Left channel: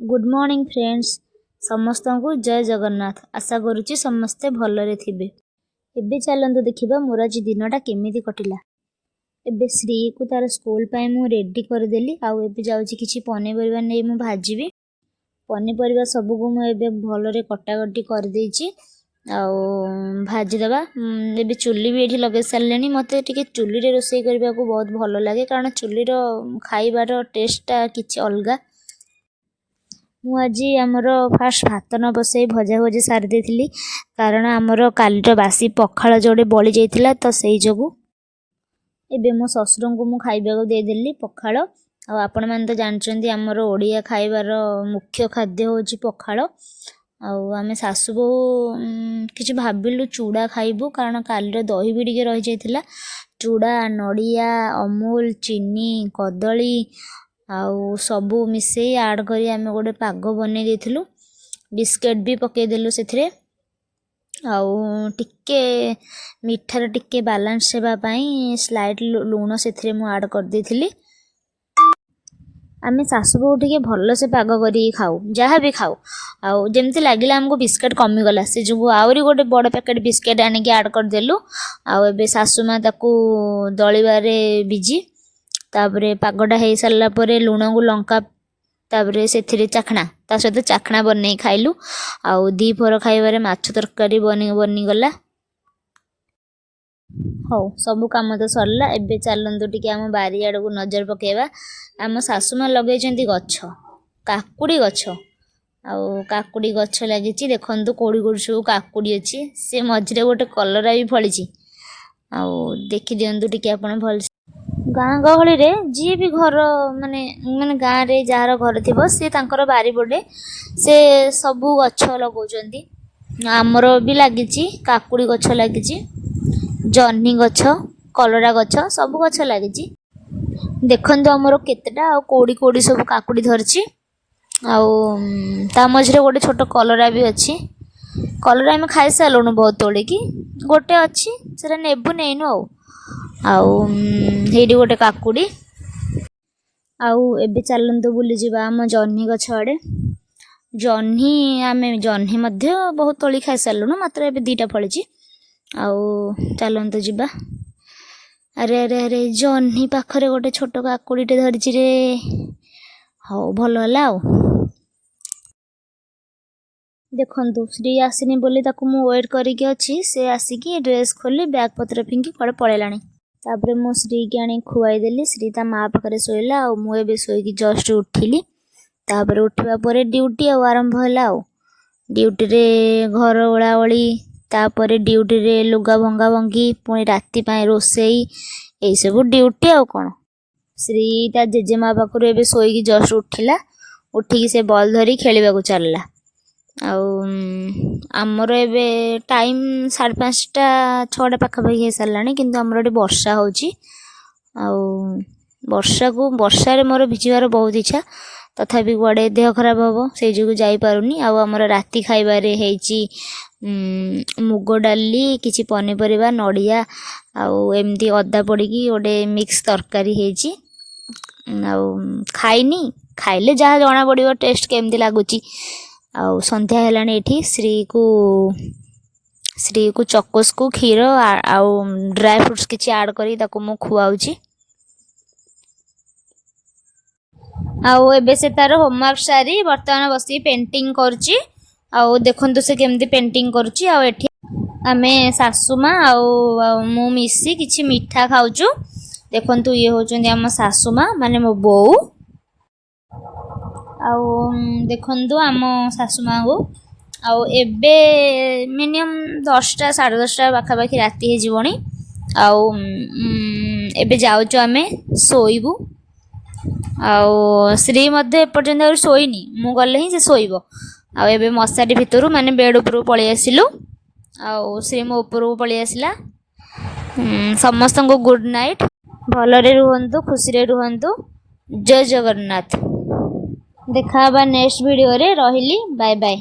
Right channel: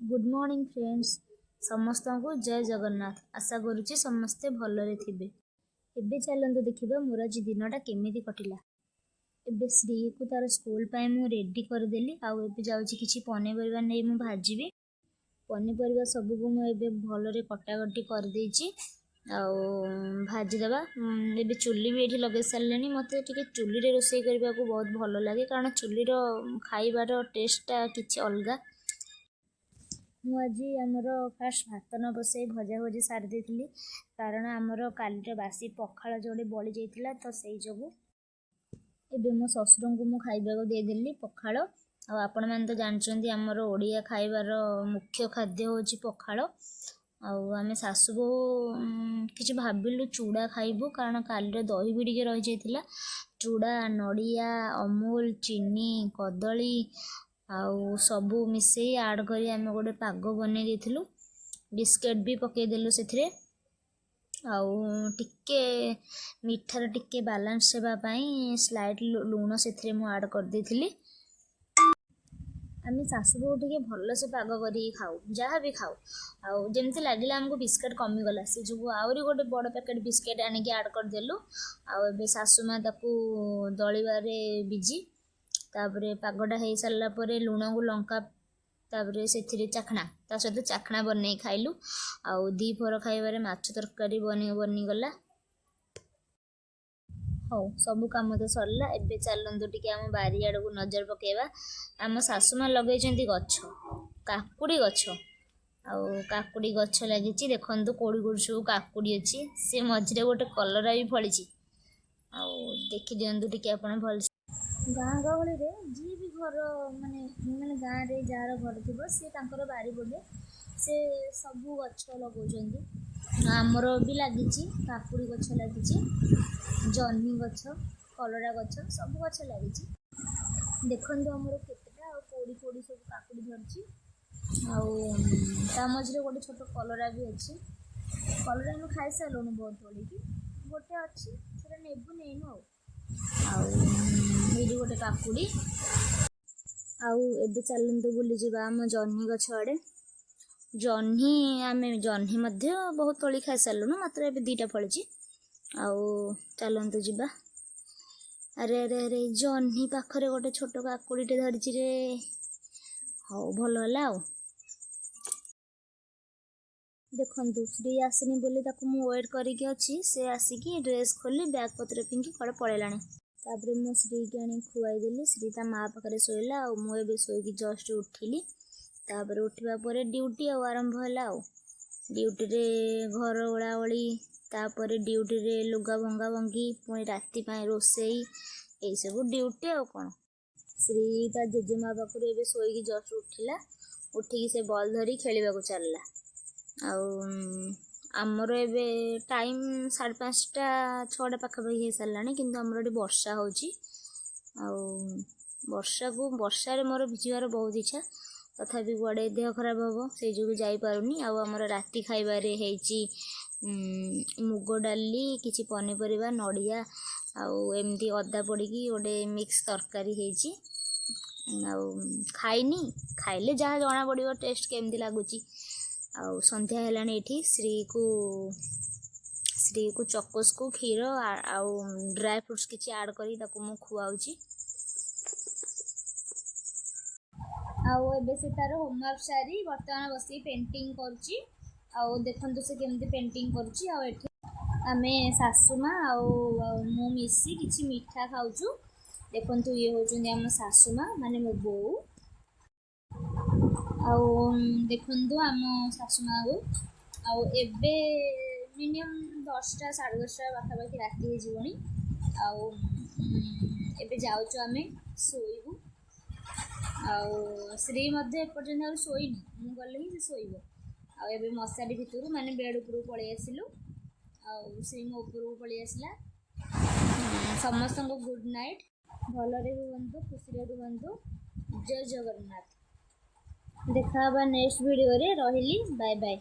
Good morning friends. समस्त को जय जगन्नाथ। आशा करुच्ची समस्ते भलरे थिबे। एबे चलंतु देखिबा मोर आज दिनटा केमिति कटिला। एबे श्री को तार स्कूल पाए मु रेडी कर देली। आउ एबे जाउची किछि पनीपरिबा नै मु भाजीबी। पनीपरिबा सब को मु एबे भलरे कटाकटी कर देइची। आउ भाजी देबा। एबे चुल्ली भी एठी लगे सारलेनी। मते टिके चुल्ली रे रोसई करबा को बहुत भलो लागे कारण चुल्ली रो खाइबार टेस्टटा किछि अलगा। मुझे आमर फास्ट भात न बसई भजा भजी सारी देती कारण आमर कालीर बासी पखाल जोड़े बड़ी जाइथिला तो सही जोगु एबे मो ससुर को मु खाइबा को देदेली पखाल। आपण मैंने तो जानते आमर ओडिया खाइबार मुख्य खाद्य होची पखाल। आमे सासु बो किछि भाबिलु चूड़ा खाइबु कारण कालीर दही भी टिके रही जाइथिला। चूड़ा नड़िया अमूल चीनी कदली आउ सबू मिसई ऐड करी आमे गोटे पाग बनै देथिलु। बिस्किट भी पके देलु सेथिरे। आउ टिके मिठार टिके बैलेंस सेबा पई स्लाइट लूण सेथिरे मु ऐड कर देथिली। आमे सासु बो टिके भलो से पाग करी खाऊ जहाँ भी खाऊ। आउ जेमती लागिला हमको बिस्किट कमी गला से जो आउरी गोटे बड़ पैकेट बिस्किट आनी ऐड कर देलु। आउ एबे सासु मा ताकू दळिबारे बिजी तापरे पागटा हो सारा पर लुण को लंका तापरे से चाखना ता सहित चाखना बन खाइलु। आउ दी फोर खाइबारे माछ तरकारी बनी गला। हौ सबु काम तो सरला। एबे चलंतु टिके आम बारी आड़ को नजर पकेबा। आम सासुमा लगेइचंती गछ काकुड़ी गछ। आउ काकुड़ी गछ लागिची देखंतु कोड़ी कोड़ी सब काकुड़ी अछि। से मझिरे गोटे कलरा भी फळिची। आउ देखि दियंतु टिके आपण भल गाँ गहली रे जी भी घर माने माने गाँ रे जार घर थिबो से तांकर बारी पड़े से सबू गछ लगौचंती। आमर भी लागिची काकुड़ी गछ लागिची जन्ही गछ कलरा गछ सब गछ लागिची। देखंतु आमर केतेटा आ कोड़ी कोड़ी सब काकुड़ी धरची। आउ ता मझरे गोटे छोट कलरा भी अछि। कलरा हम खाइ सालुनु बहुत तोड़े की गोटे अछि सेरा नेबु नेइनु आउ आउ हेडी गोटे काकुड़ी। आउ एबे चलंतु बुली जिबा आम जन्ही गछ आड़े। जन्ही आमे जन्ही मध्य बहुत तोली खाइ सालुनु मात्र एबे दीटा फळिची। आउ चलंतु जिबा। अरे अरे अरे जन्ही पाखरे गोटे छोट काकुड़ीटे धरिची रे। हौ भलो होला आउ देखंतु श्री आसिनी बोली ताकू मु वेट करिके अछि। से आसिकी ड्रेस खोली बैग पत्र फिंगी कुआडे पळेलाणी। तापरे मो श्री के आनी खुआई देली। श्री ता माँ पाखरे सोइला आउ मु एबे सोइकी जस्ट उठिली। तापरे उठिबा परे ड्यूटी आरंभ होला। आउ ड्यूटी रे घर ओळाओळी तापरे ड्यूटी रे लुगा भंगा भंगी पुणी राति पाए रोसेई एई सब ड्यूटी आउ कोन। श्री ता जेजेमा पाखरु एबे सोइकी जस्ट उठिला। उठिकी से बॉल धरी खेलिबा को चलला। आउ आमर एबे टाइम 5:30 6टा पाखापाखि हो सारानी किंतु आमर एटी वर्षा होची। आउ वर्षा रे मोर भिजिबार बहुत इच्छा तथापि गुआड़े देह खराब हम से जो जाई पारुनी। आउ आमर राति खाइबारे हेची मुग डाली किछि पनीपरिबा नड़िया आउ एमती अदा पड़िकी गोटे मिक्स तरकारी हेची। आउ खाइनी खाइले जहाँ जना पड़िबो टेस्ट केमती लागुची। आउ संध्या हेलानी एठी श्री को चकोस को क्षीर आउ ड्राई फ्रूट्स किछि ऐड करी ताको मु खुआउची। आउ एबे से तार होमवर्क सारी वर्तमान बसी पेंटिंग करची। आउ देखंतु से केमती पेंटिंग करची। आउ एठी आमे सासुमा आउ मु मिसी किछि मिठा खाउचु। देखंतु ये होचंदी हम सासुमा माने मो बोऊ। आउ देखंतु आम सासुमा को आउ एबे मिनिमम 10टा 10:30 पाखापाखि राति हे जीवनी। आउ एबे जाउचु आमे सोइबु। आउ श्री मध्ये एपर्यंत सोइनी मु गले ही से सोइबो। आउ एबे मशारी भितरु माने बेड ऊपर पळि आसिलु। आउ श्री मो ऊपर पळि आसिला। समस्त को गुड नाइट। भलरे रुहंतु खुशी रे रुहंतु। जय जगन्नाथ। देखा नेक्स्ट वीडियो रे रहिली बाय बाय।